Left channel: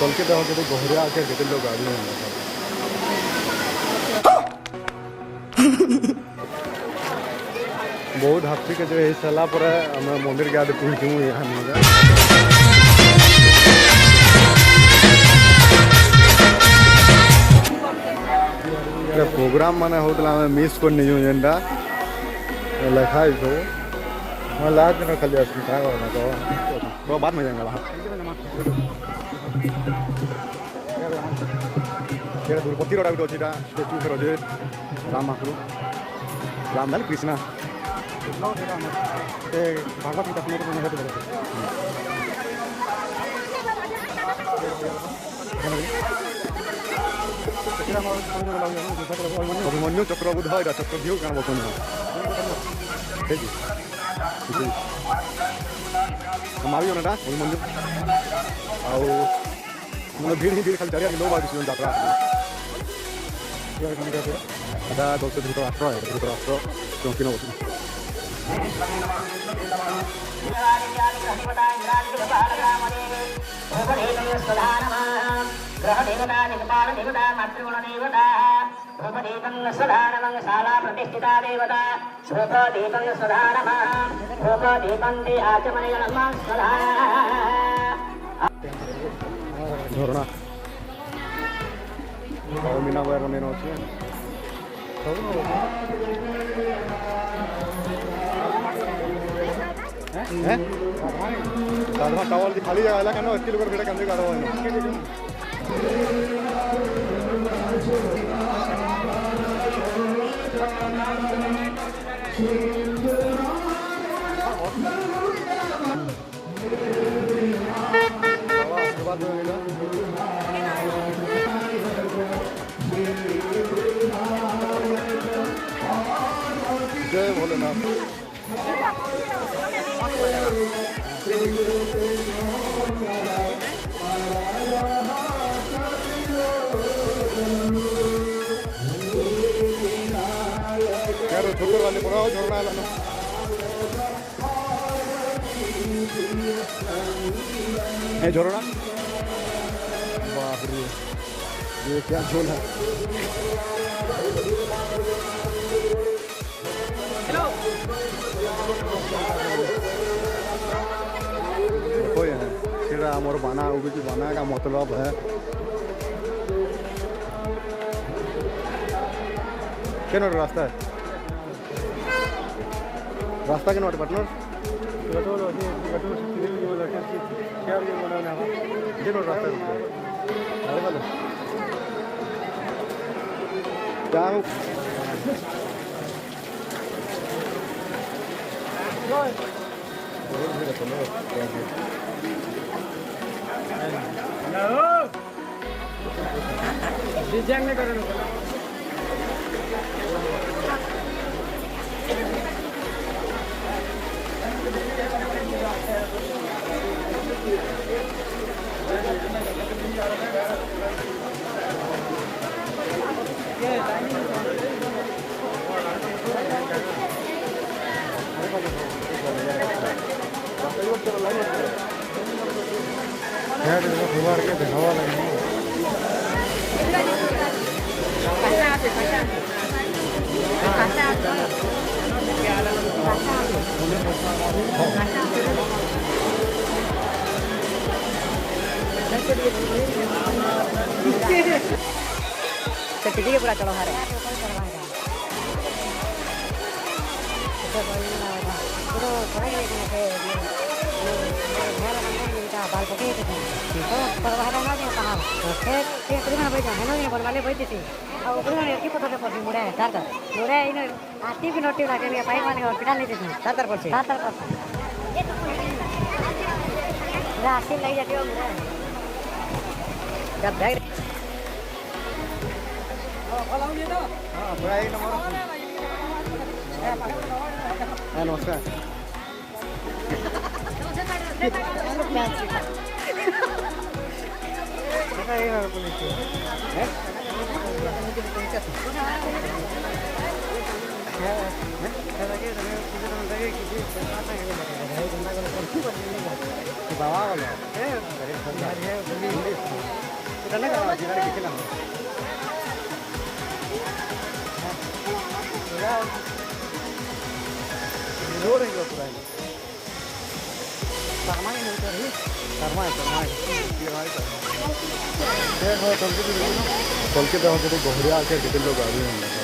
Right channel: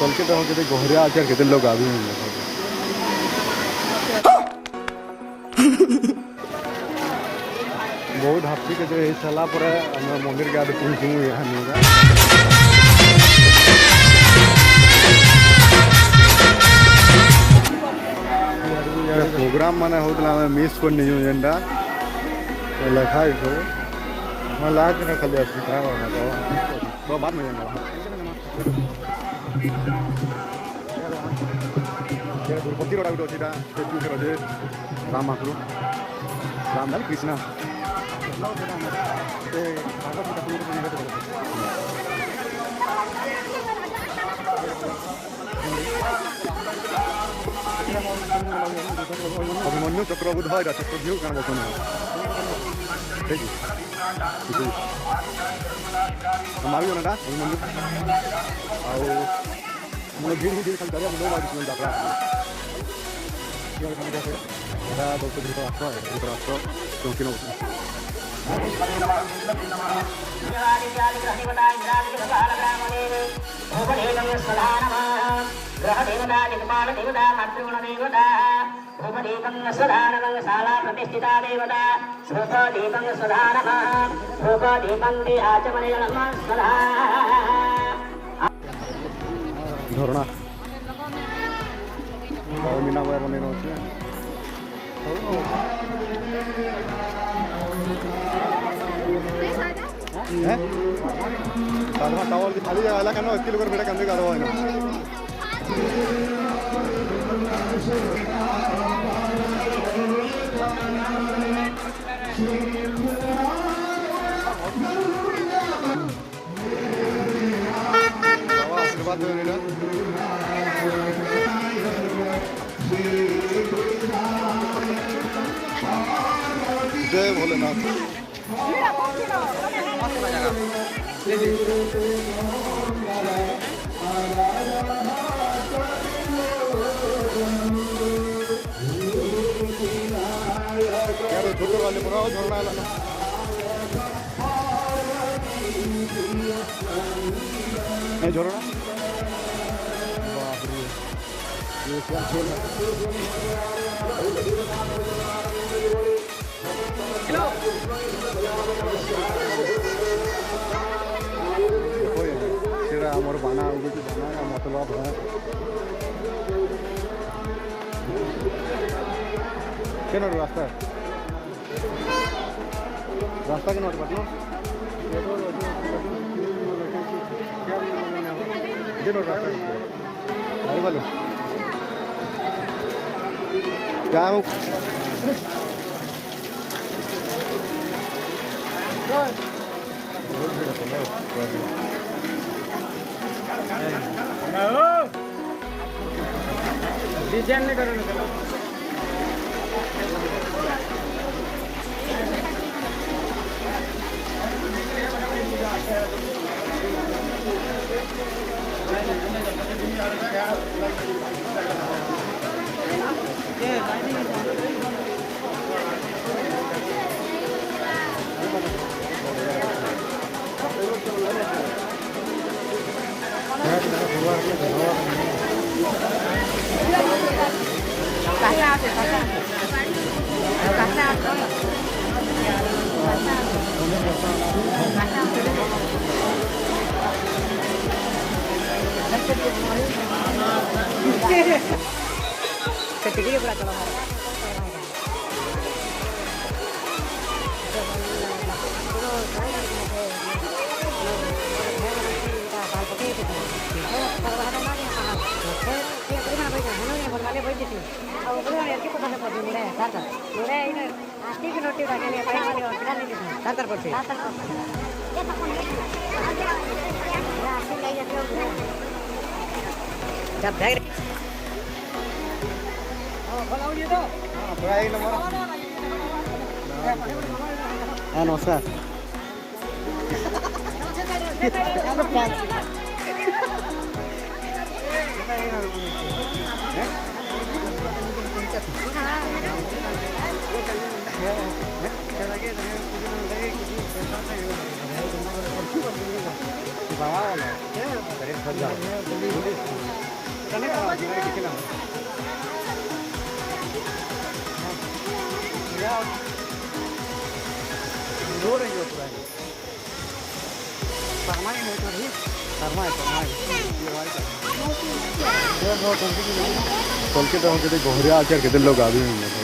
तल के देखो केते गहरिया আছে केते लोग आबी बहुत हाथी के जो सला पर हम मंदिर के आगे पहुंचू यहाँ प्रोग्राम माने होता मिस कर नहीं जेनटा लिखा मैं लाग ना खाली तो बाद में जाएंगे दुर्पति रोड अच्छी स्टेचू फिर अच्छे राम महाप्रभु राम भाई कृष्णा अभिमन्यु चक्रबुद्ध है चक्रव्यूह क्या बकने ठीक है हमारी ना अभिमन्यु आउ मैं धीरे धीरे खाली जारी लोग आज यात्रा ada dokter Dhritarashtra चौकी न प्रतिष्ठिता देवता दीपं दीपं दे आचमने झरना मीना बार बने साधा टावल की खाली जगह क्या इसके लोग बेटा कंधे काटवा है आशीर्वाद जय भोलेनाथ यार छोटे वाले पूरा झरना है ना झरना बाप रे ये क्या खेल है देखो यार मोर बाना उगे की बाना का मतलब है क्या रास्ता है रास्ता के नोट पार्टनर रास्ता अरे बोलो क्या डिजाइन नहीं करो ना Ketiganya pula kalau marah. नमस्कार Bawa lo. Dari kerja. Ini. Karena kalau tinggal di sini. Ya. Dulu yang juga ini. Sama ini tadi. Sama. Iya itu. Ya, kalau kita mau jadi bohria aja kita लोग आ भी नहीं है.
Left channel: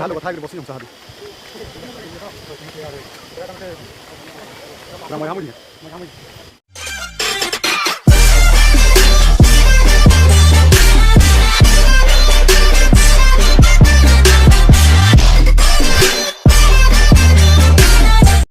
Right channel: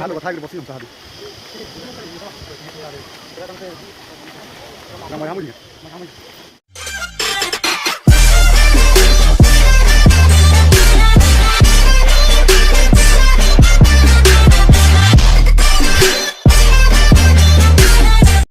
Halo, tayo bos yung sabi. Namanya kamu dia?